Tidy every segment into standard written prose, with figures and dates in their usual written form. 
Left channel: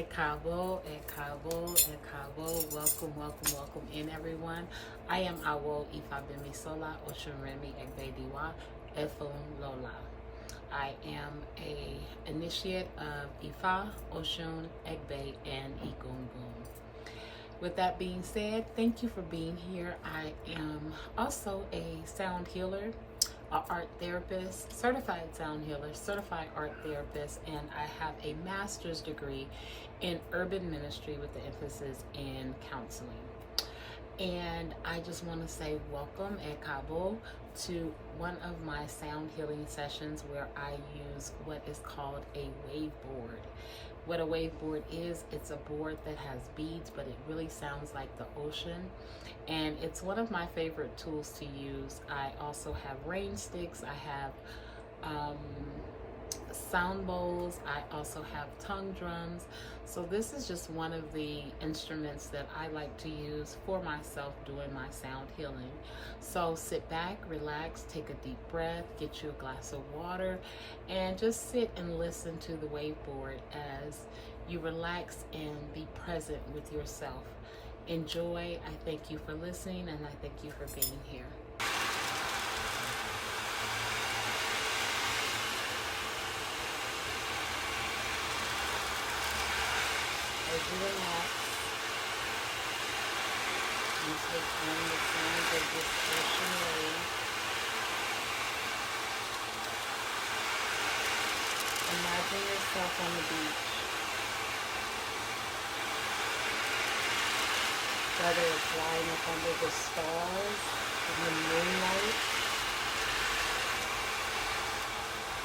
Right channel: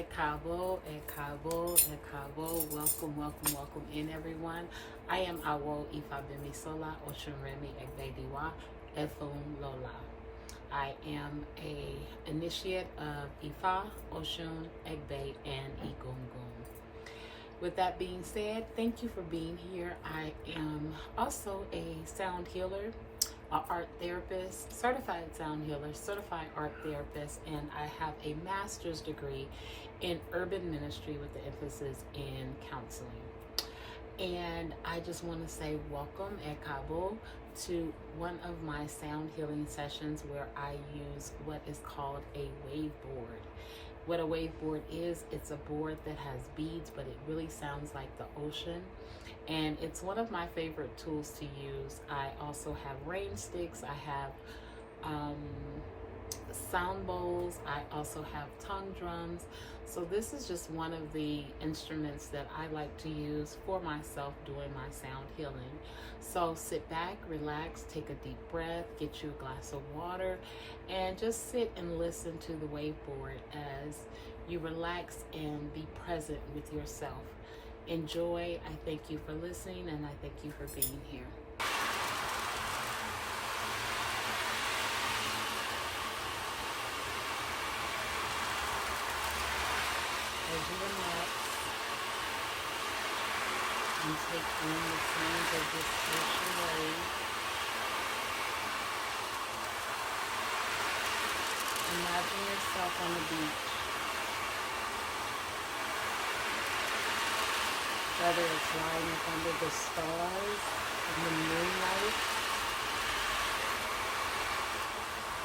Ekabo. Welcome in everyone. I am Awo Ifabimi Sola Oshunremi Egbediwa Efun Lola. I am a initiate of Ifa, Oshun, Egbe, and Igungun. With that being said, thank you for being here. I am also a sound healer, an art therapist, certified sound healer, certified art therapist, and I have a master's degree in urban ministry with the emphasis in counseling. And I just want to say welcome at Cabo to one of my sound healing sessions where I use what is called a wave board. What a wave board is, it's a board that has beads, but it really sounds like the ocean. And it's one of my favorite tools to use. I also have rain sticks. I have sound bowls. I also have tongue drums. So this is just one of the instruments that I like to use for myself doing my sound healing. So sit back, relax, take a deep breath, get you a glass of water, and just sit and listen to the waveboard as you relax and be present with yourself. Enjoy. I thank you for listening, and I thank you for being here. As you relax and take in the sounds of this ocean wave, imagine yourself on the beach. Whether it's lying up under the stars in the moonlight,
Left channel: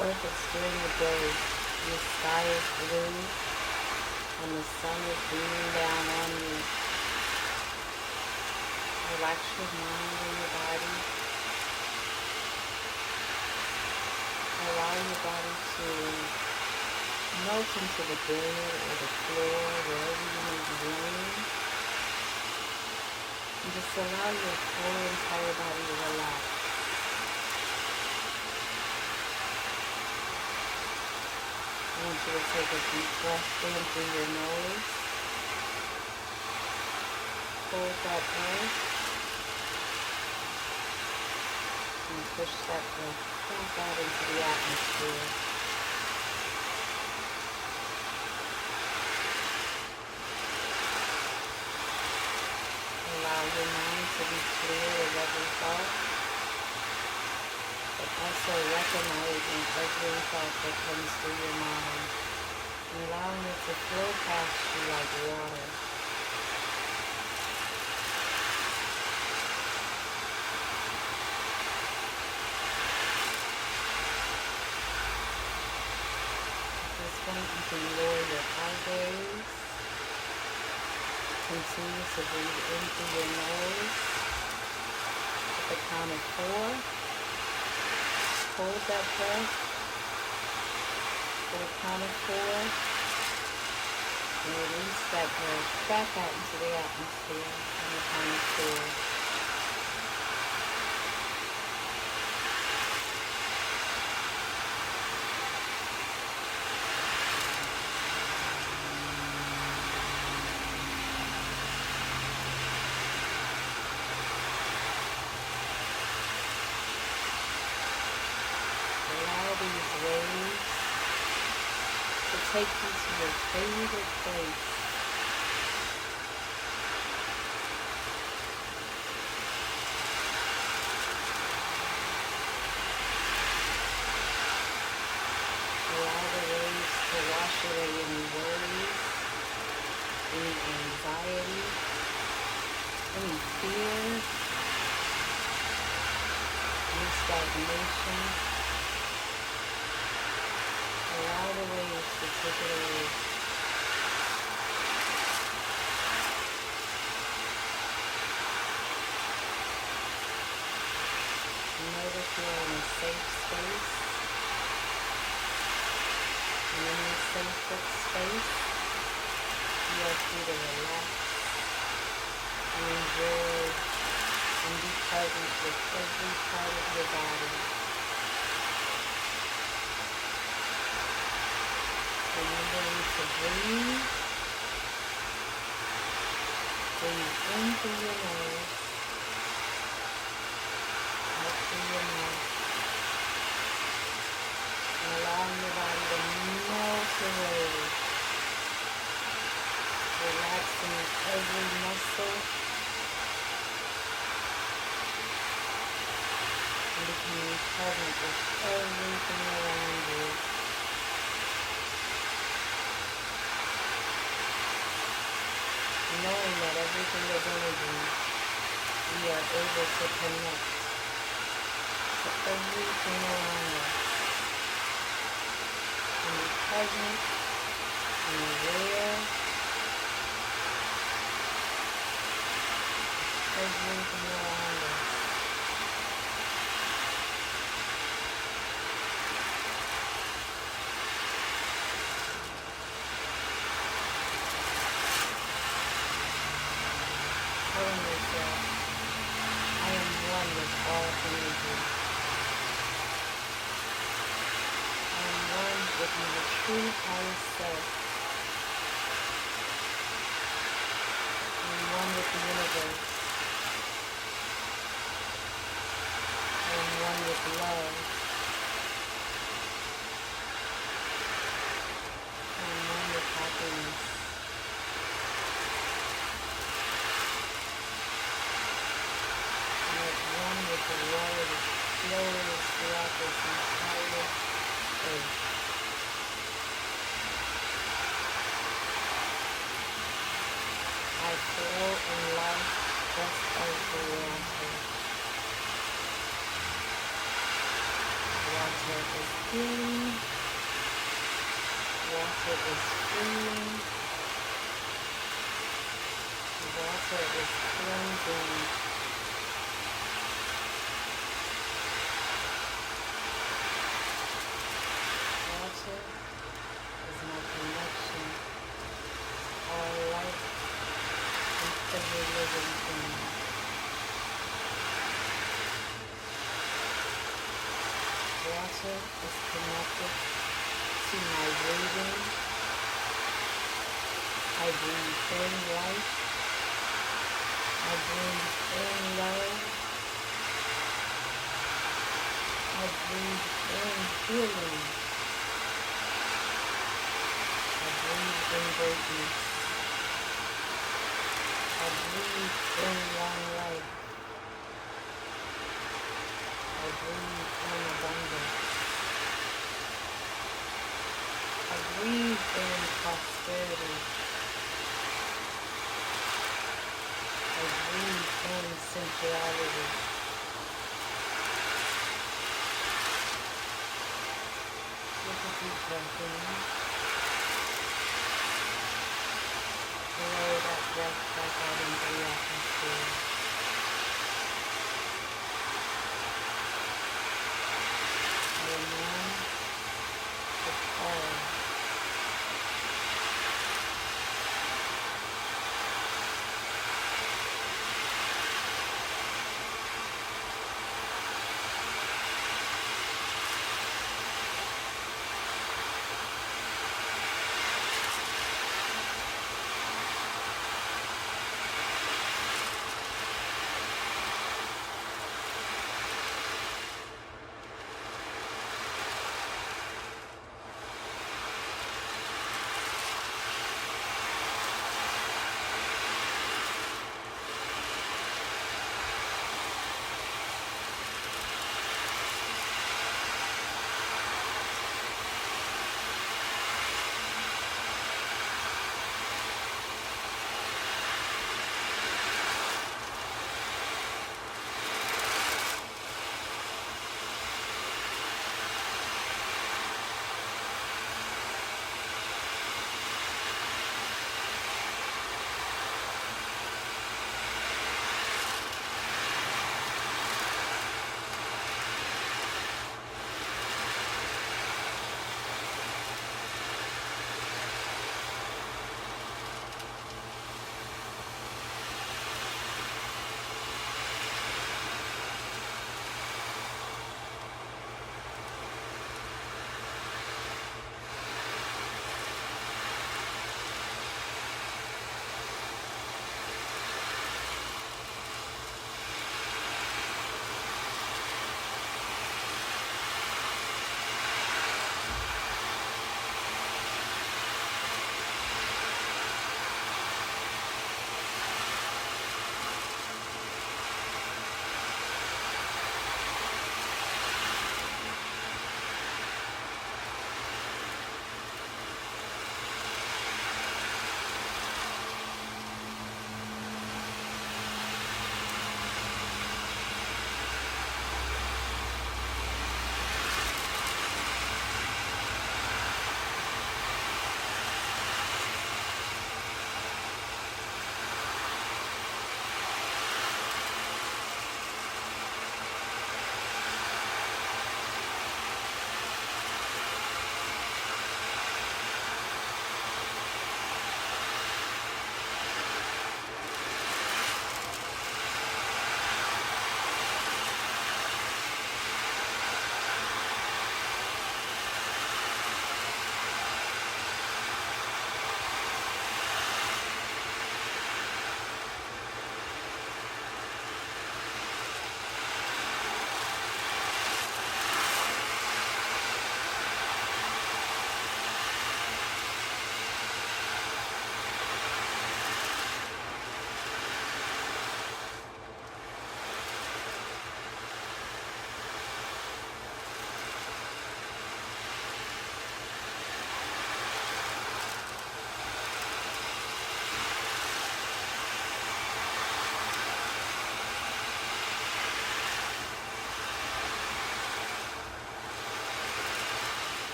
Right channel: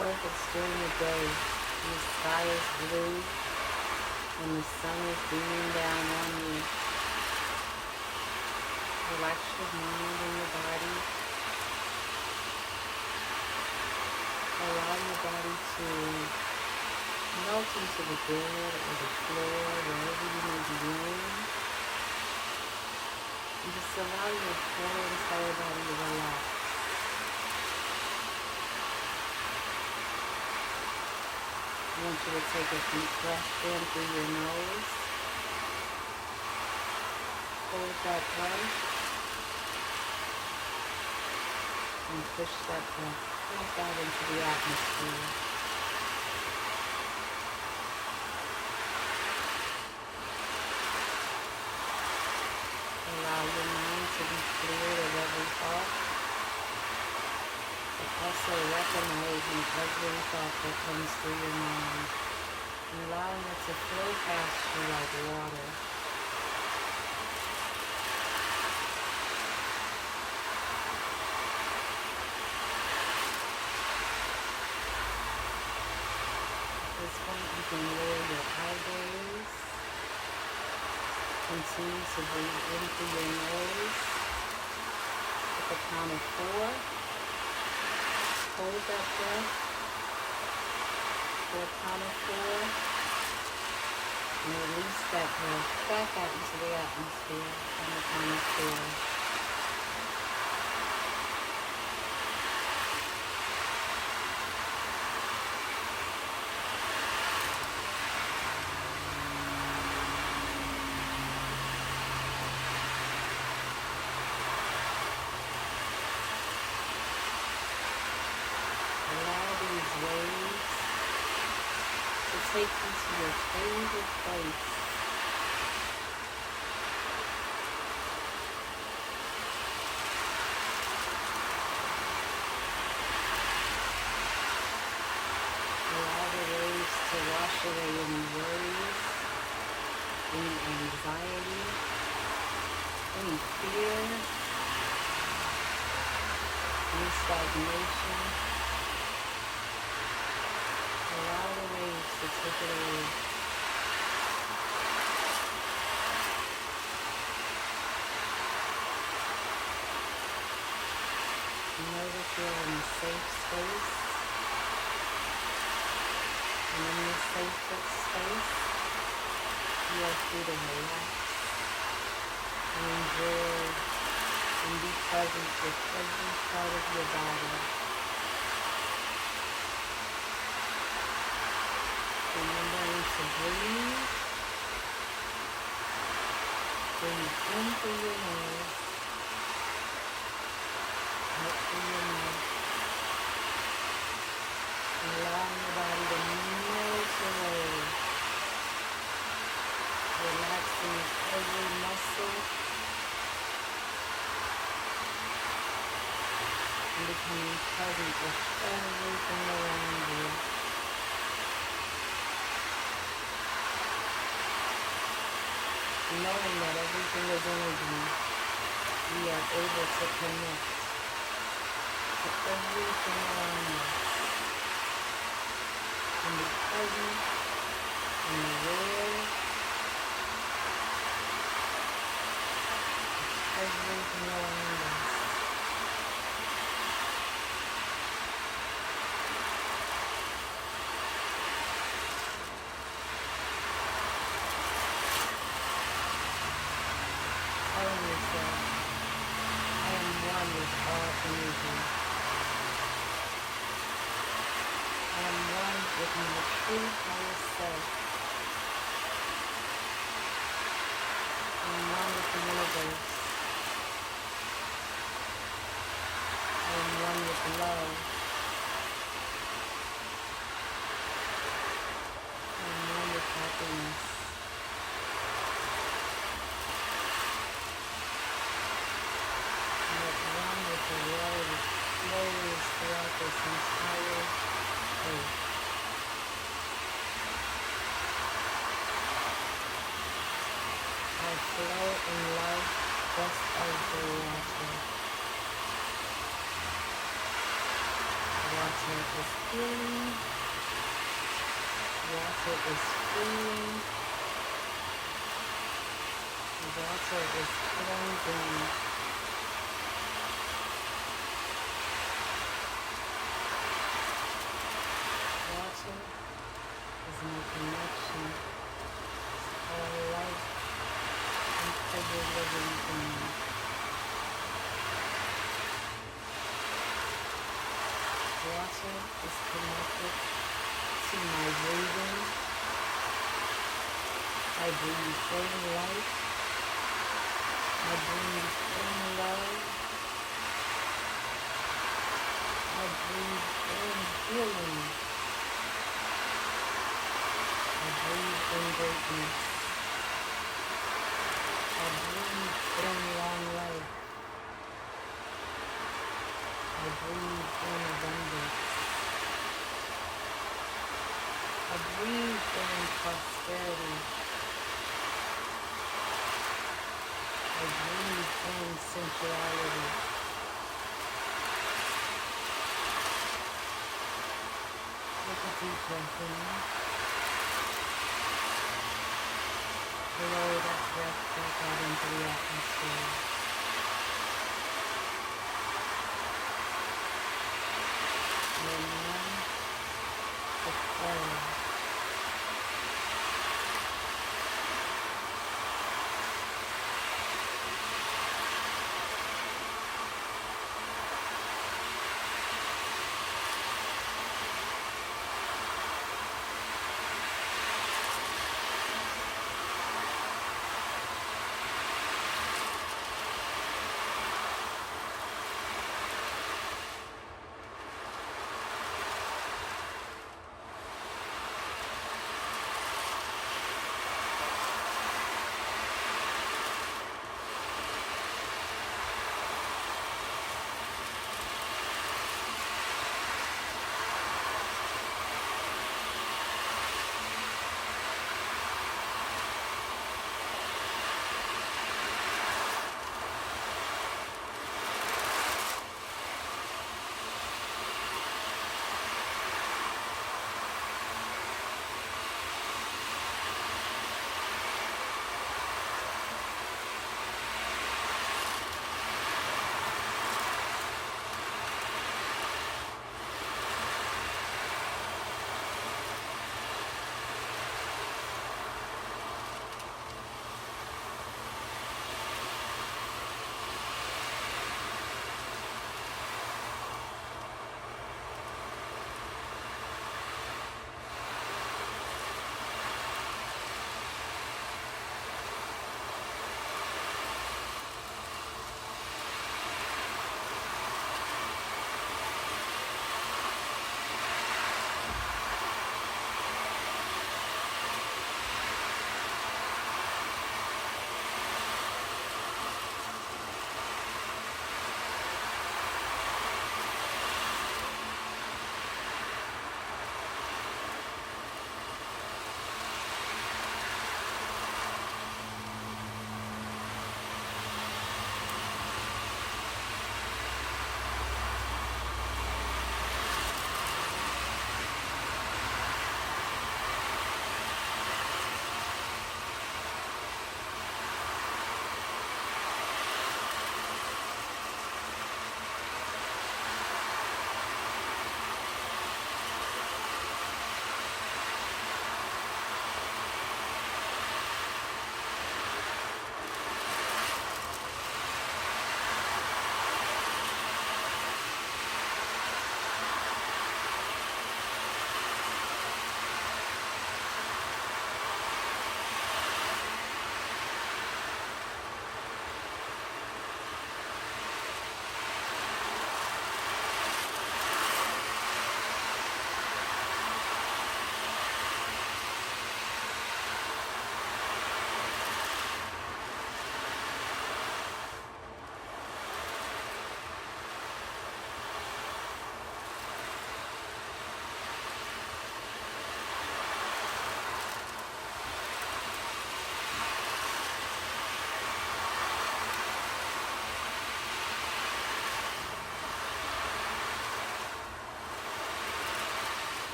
or if it's during the day, the sky is blue and the sun is beaming down on you. Relax your mind and your body. Allow your body to melt into the bed or the floor, wherever you may be laying. And just allow your whole entire body to relax. I want you to take a deep breath in through your nose. Hold that breath. And push that breath back out into the atmosphere. Allow your mind to be clear of every thought, but also recognizing every thought that comes through your mind and allowing it to flow past you like water. At this point, you can lower your eye gaze. Continue to breathe in through your nose at the count of 4. Hold that breath for the count of 4. And release that breath back out into the atmosphere on the count of 4. These waves to take you to your favorite place. Allow the waves to wash away any worries, any anxiety, any fear, any stagnation. Allow the waves to take it away. Know that you're in a safe space. And in this safe space, you are free to relax and enjoy and be present with every part of your body. Remembering to breathe in through your nose, out through your mouth, and allowing your body to melt away, relaxing every muscle and becoming present with everything around you. Knowing that everything is energy, we are able to connect to everything around us and be present and aware of everything around us. Telling yourself, I am one with all energy. I am one with my true highest self. I am one with the universe. I am one with love. I am one with happiness. With the water that flows throughout this entire earth. I flow in life just as the water. Water is healing. Water is freeing. Water is cleansing. Is my connection to all life and every living thing. Water is connected to my breathing. I breathe in life. I breathe in love. I breathe in healing. I breathe in greatness. I breathe in long life. I breathe in abundance. I breathe in prosperity. I breathe in sensuality. Take a deep breath in. Blow that breath back out into the atmosphere. I am one with all.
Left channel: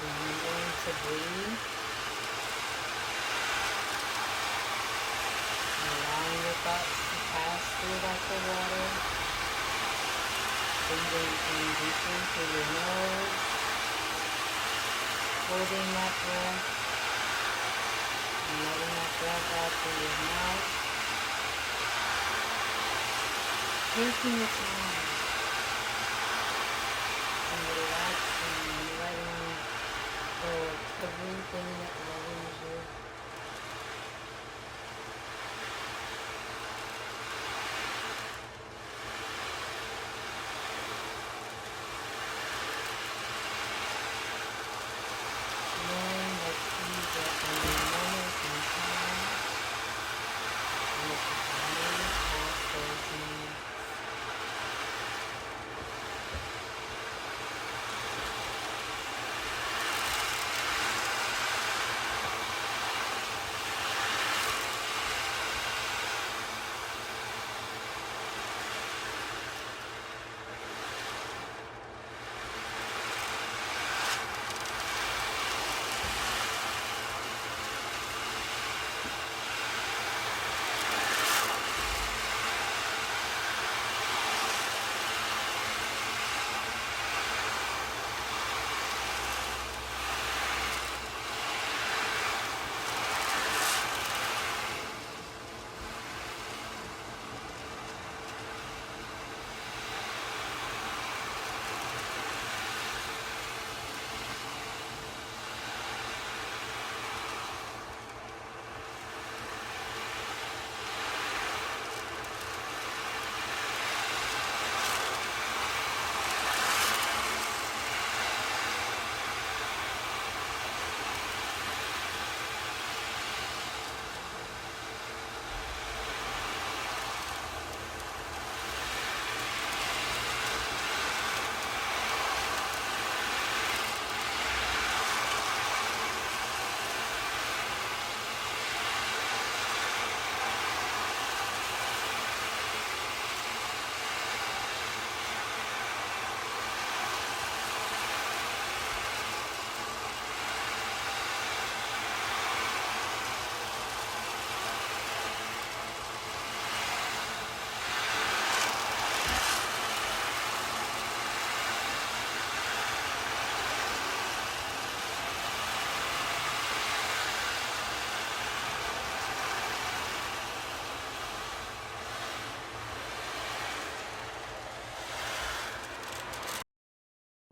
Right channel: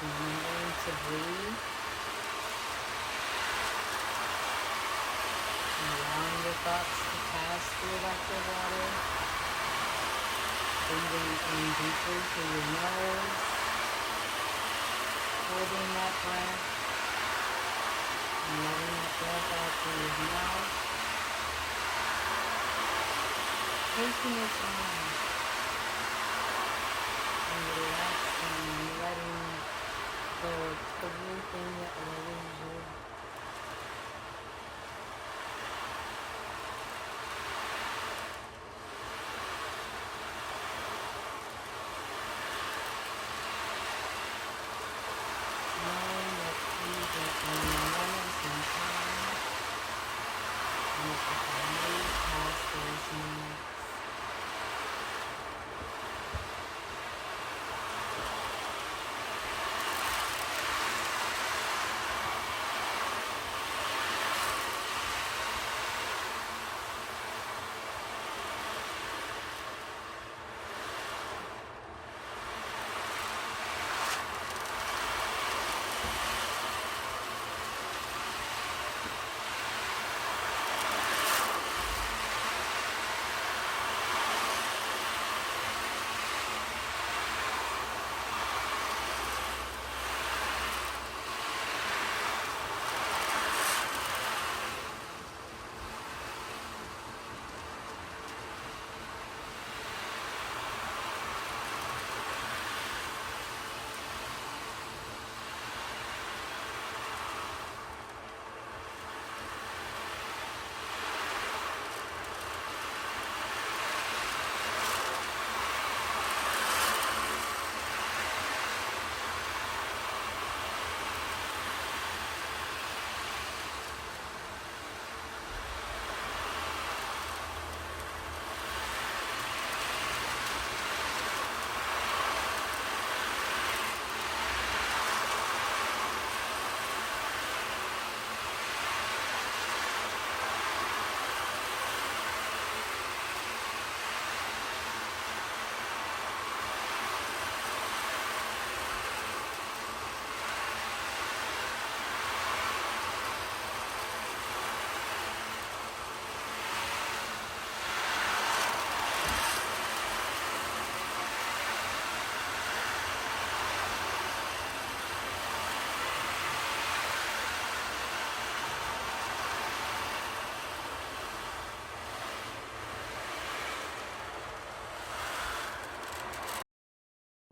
Remembering to breathe. Allowing your thoughts to pass through like the water. Breathing in deeply through your nose. Holding that breath. And letting that breath out through your mouth. Taking your time. And relaxing and letting go of everything that worries you. Knowing that these are only moments in time, and it's just a move past those moments.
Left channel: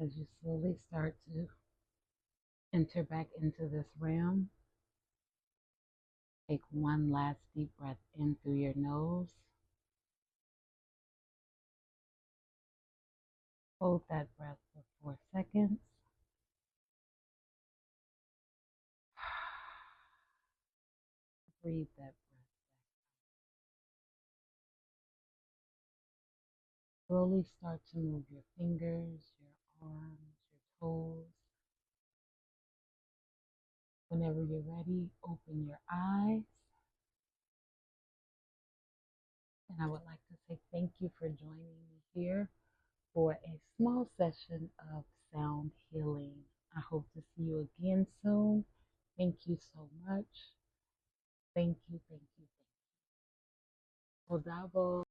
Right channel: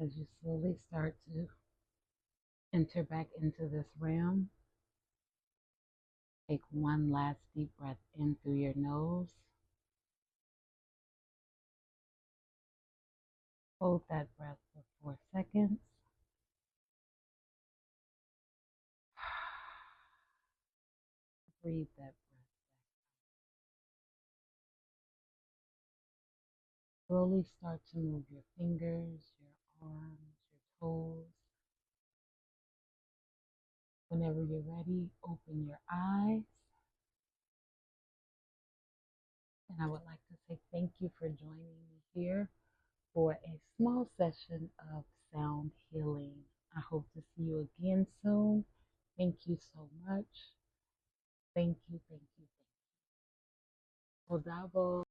As you slowly start to enter back into this realm, take one last deep breath in through your nose. Hold that breath for 4 seconds. Breathe that breath. Slowly start to move your fingers, your arms, your toes. Whenever you're ready, open your eyes. And I would like to say thank you for joining me here for a small session of sound healing. I hope to see you again soon. Thank you so much. Thank you, thank you, thank you. Odavo.